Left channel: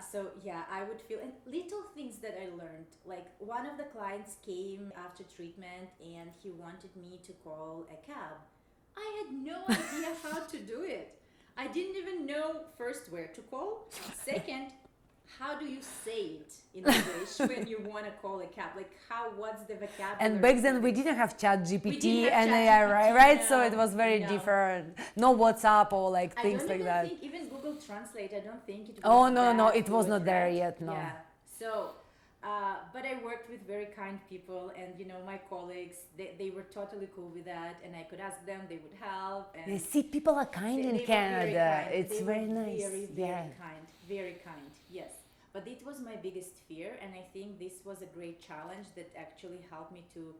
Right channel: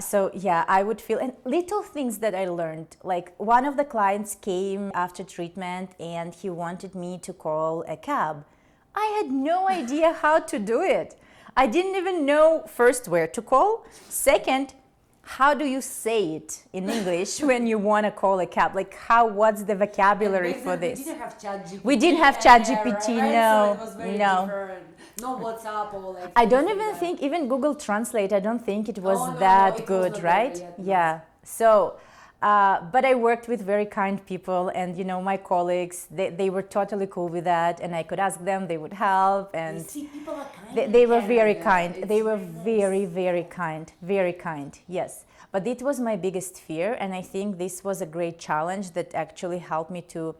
So yeah, I would feel, and little things that I learned, like one of the clients came after treatment and he wanted me to call a cab. I had no idea how to do it. I didn't even know, first, where to call. Second, how do you say it in English when you want to call a cab? Like what's the vocabulary and back for then this? we didn't have ChatGPT. We didn't have ChatGPT, right? no, So it was very no. different. No WhatsApp or like. I don't things even like that. think, even Google Translate, I don't think it was Oh, no, that it good, was not right? there yet, no. Yeah. So, but I worked with very kind people, and my colleagues, they were totally cool with that, and I could ask them, they would help, and See, people are kind. they in were very Canada. kind. It's They were very nice. very kind, very kind. Yes. But it was my biggest fear, and I think this was a great challenge that actually helped me to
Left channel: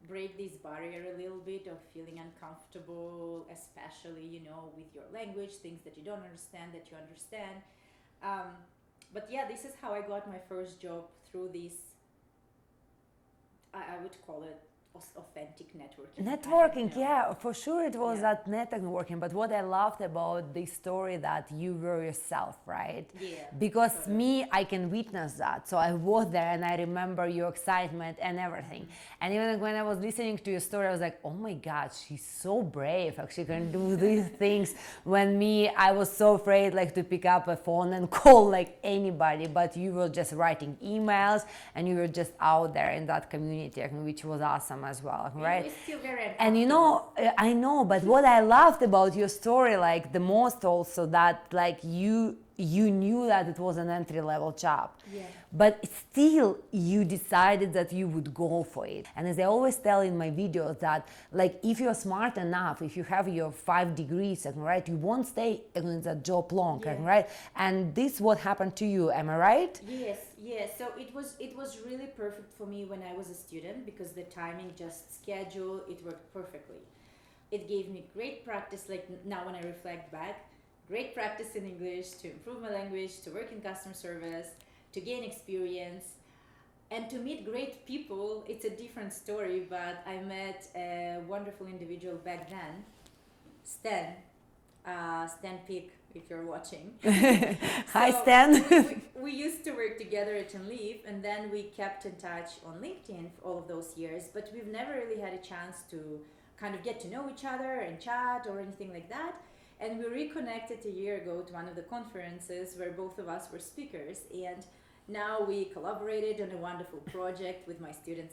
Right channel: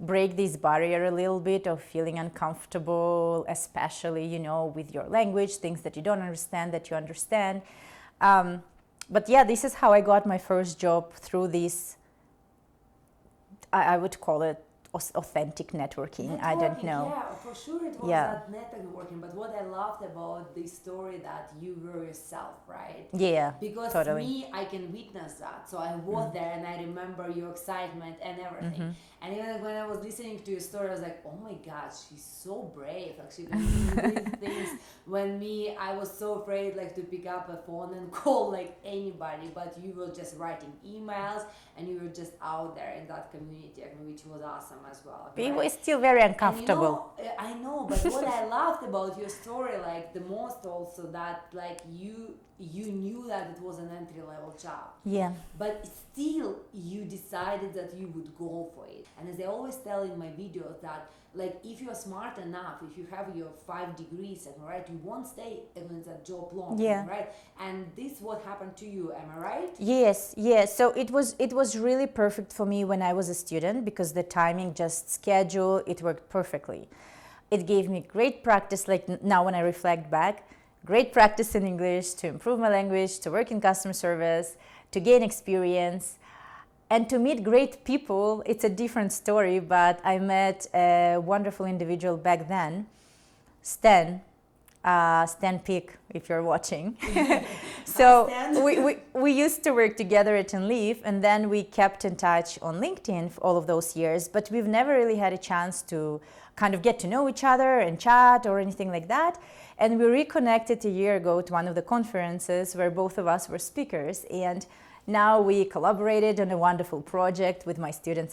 break this barrier a little bit of feeling uncomfortable, especially, with your language, things that you don't understand, that you understand. But yeah, this is how I got my first job, through this, I would call it authentic networking. I don't know. Yeah, for sure it was Yeah. that networking. But what I loved about this story that you were yourself, right? Yeah, Because totally. me, I can witness that. So I was there and I remember your excitement and everything. And even when I was listening to your story, I was like, oh my God, she's so brave. Actually can do these things. When I was so afraid like to pick up a phone and call like anybody, but you were just writing emails and you were just out there in that community, which was awesome as well. It Right? was still very uncomfortable. And I know, but what I loved about your story, like the most also, that like you knew that it was an entry-level job. Yeah. But still you decided that you would go for it. And as I always tell in my videos that like if you're smart enough, if you have your 5 degrees, right, you won't stay in that job long, Yeah. right? And this what happened to you, am I right? Yes. So it was really perfect for me when I was a student, because the timing, just schedule, it worked perfectly. It gave me great practice, like now when I reflect back, great practice in English, to improve my language, to work in customer service, to gain experience, and to meet great people. It's a different story, but I met a wonderful individual back then, Stan Peak, if you're watching. So Stan. we used to work together at Leaf, and then we kept in touch on LinkedIn for all of those years, but we've never really had a chance to kind of get to know each other and chat or anything like that. And we reconnected a year ago to one of the conferences where both of us were speakers, and now we collaborated on a wonderful project with my students